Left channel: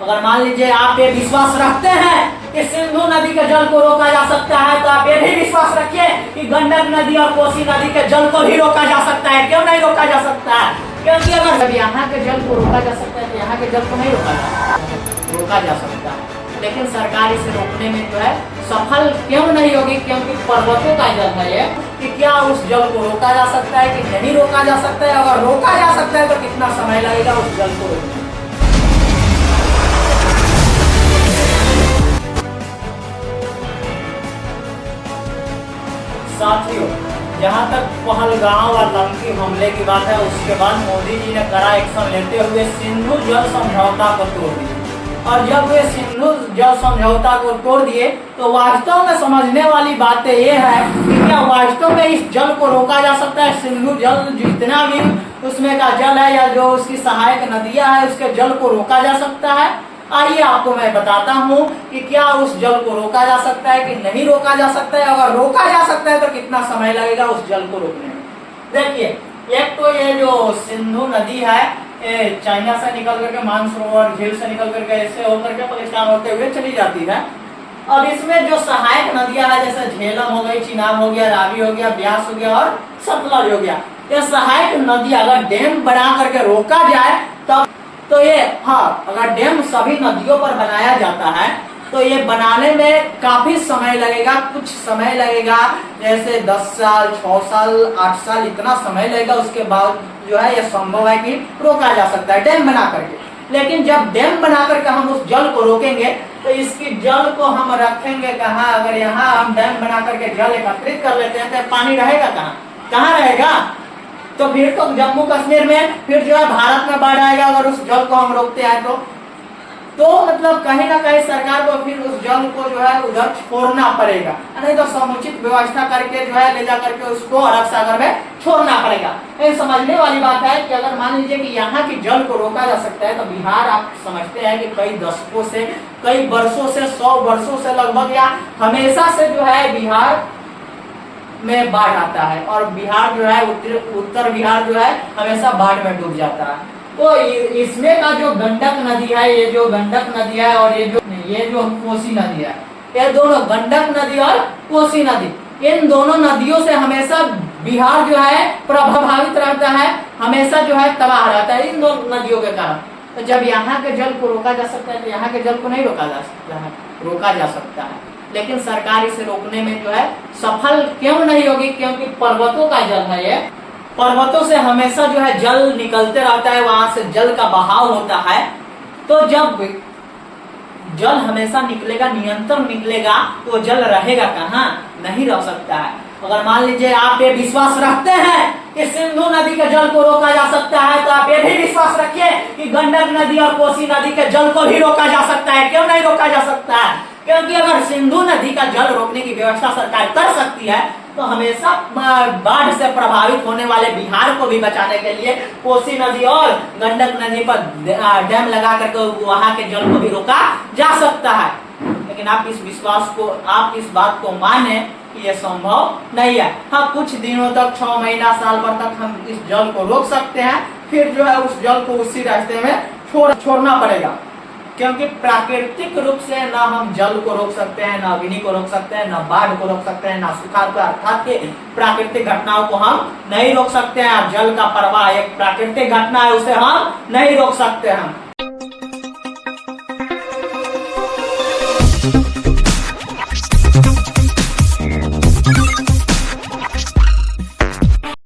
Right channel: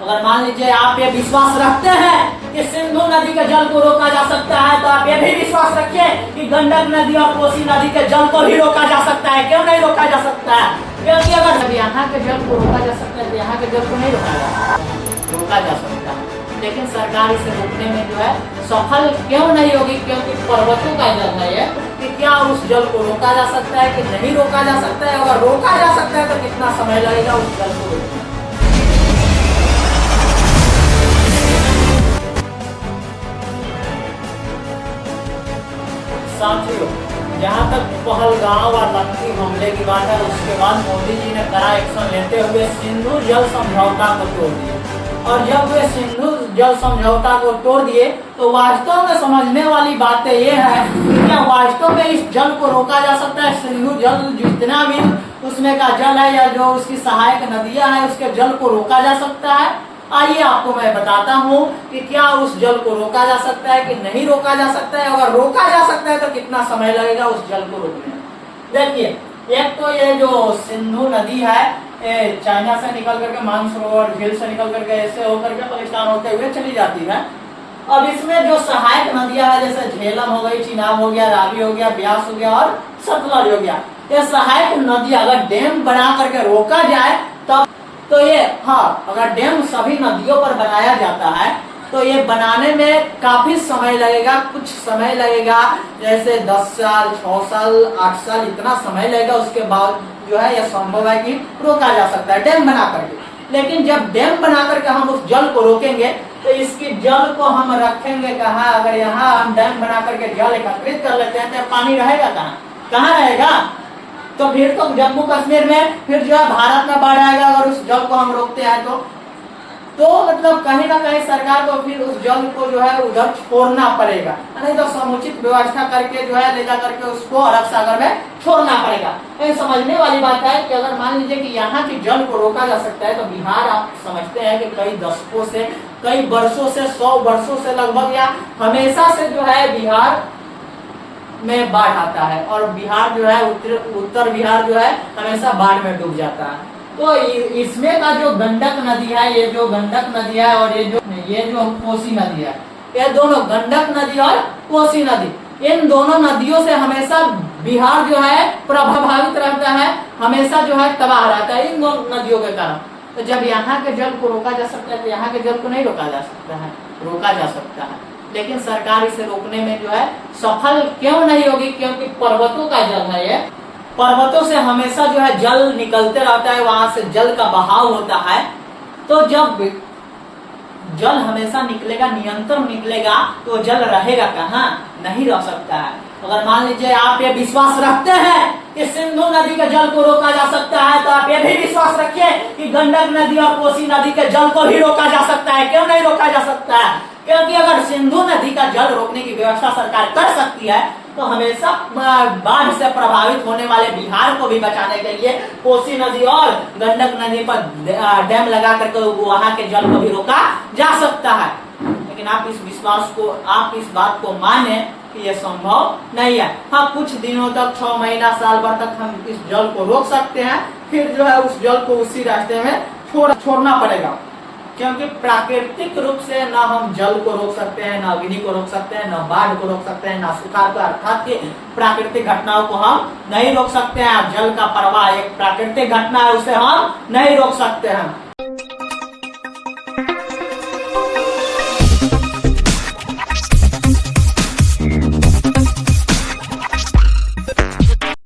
अगर मान लीजिए आप ये विश्वास रखते हैं कि सिंधु नदी के जल को रोका जा सकता है, तो आप ये भी विश्वास रखिए कि गंडक नदी और कोसी नदी के जल को भी रोका जा सकता है। क्यों नहीं रोका जा सकता है? क्योंकि अगर यहाँ के जल को रोका जा सकता है तो यहाँ के जल को नहीं रोका जा सकता है। लेकिन सरकार इसे रोकने में जो है सफल क्यों नहीं होगी? क्योंकि पर्वतों का जल है ये, कि क्या उस जल को रोका जा सकता है कि नहीं रोका जा सकता है? अगर रोका जा सकता है तो कितना समय लगेगा उस जल को रोकने? साथियों, जहाँ तक पहलगांव और लंकी हमले की बात है, उसके बाद मोदी जी ने कड़ा एक्शन लेते हुए सिंधु जल समझौता को तोड़ दिया। और जब वे सिंधु जल समझौता को तोड़ दिए तो वास्तव में समझने वाली बात ये है कि क्या वास्तव में इस जल को रोका जा सकता है? सिंधु जल जितना भी उसमें का जल है या जो उसकी सहायक नदियां हैं, उसके जल को रोका जा सकता है? आइए आपको मैं बताता हूँ कि क्या उस जल को रोका जा सकता है कि नहीं रोका जा सकता है। अगर रोका जा सकता है तो कितना समय लगेगा उस जल को रोकने में? देखिए, एक तो ये जो सिंधु नदी है, चाइना से निकल करके मानसरोवर झील से निकल करके ऐसे होकर के पाकिस्तान होते हुए चली जाती है। अब इसमें जो सहायक नदियां है, जैसे झेलम हो गई, चिनाब हो गया, रावी हो गया, ब्यास हो गया और सतलज हो गया, ये सहायक नदी अगर डैम बना करके रोका जाए तब तो ये अगर डैम सभी नदियों पर बनाया जाता है तो ये बनाने में काफी समय लगेगा, कुछ समय लगेगा, जैसे 10 साल, 6 साल, 8 साल इतना समय लगेगा। उसके बाद जो है यह संभव है कि रोका जा सकता है डैम बना करके। लेकिन जब डैम बना करके हम उस जल को रोकेंगे तो इसकी जल को हम रखेंगे कहाँ? अगर यहाँ हम डैम बना करके जल एकत्रित कर लेते हैं तो पानी रहेगा कहाँ? कहाँ रहेगा? तो फिर तो जम्मू कश्मीर में फिर जो है भारत में बाढ़ आएगा अगर उस जल को हम रोकते हैं तो मतलब कहीं ना कहीं सरकार को फिर उस जल को जो है उधर छोड़ना पड़ेगा, नहीं तो समुचित व्यवस्था करके जो है ले जा करके उसको अरब सागर में छोड़ना पड़ेगा। ये समझने वाली बात है कि अगर मान लीजिए कि यहाँ की जल को रोका जा सकता है तो बिहार आप समझते हैं कि कई दशकों से, कई वर्षों से, 100 वर्षों से लगभग या हमेशा से जो है बिहार में बाढ़ आता है और बिहार जो है उत्तर बिहार जो है हमेशा बाढ़ में डूब जाता है। तो इसमें का जो गंडक नदी है, ये जो गंडक नदी है और ये जो कोसी नदी है, ये दोनों गंडक नदी और कोसी नदी, इन दोनों नदियों से हमेशा बिहार जो है प्रभावित रहता है, हमेशा जो है तबाह रहता है इन दोनों नदियों के कारण। तो जब यहाँ के जल को रोका जा सकता है तो यहाँ के जल को नहीं रोका जा सकता है? रोका जा सकता है, लेकिन सरकार इसे रोकने में जो है सफल क्यों नहीं होगी? क्योंकि पर्वतों का जल है ये, पर्वतों से हमेशा जो है जल निकलते रहता है, वहां से जल का बहाव होता है। तो जब जल हमेशा निकलेगा, निरंतर निकलेगा, तो जल रहेगा कहाँ? नहीं रह सकता है। अगर मान लीजिए आप ये विश्वास रखते हैं कि सिंधु नदी के जल को रोका जा सकता है, तो आप ये भी विश्वास रखिए कि गंडक नदी और कोसी नदी के जल को भी रोका जा सकता है। क्यों नहीं रोका जा सकता है? क्योंकि अगर सिंधु नदी का जल रोकने की व्यवस्था सरकार कर सकती है तो हमेशा बाढ़ से प्रभावित होने वाले बिहार को भी बचाने के लिए कोसी नदी और गंडक नदी पर डैम लगा करके वहां के जल को भी रोका जा सकता है। लेकिन आप इस बात को माने कि यह संभव नहीं है। हाँ, कुछ दिनों तक, 6 महीना, साल भर तक हम इस जल को रोक सकते हैं, फिर जो है उस जल को उसी रास्ते में छोड़ना पड़ेगा। क्योंकि प्राकृतिक रूप से ना हम जल को रोक सकते हैं, ना अग्नि को रोक सकते हैं, ना बाढ़ को रोक सकते हैं, ना सुखाड़ को, अर्थात कि प्राकृतिक घटनाओं को हम नहीं रोक सकते हैं। जल का प्रवाह एक प्राकृतिक घटना है, उसे हम नहीं रोक सकते हैं।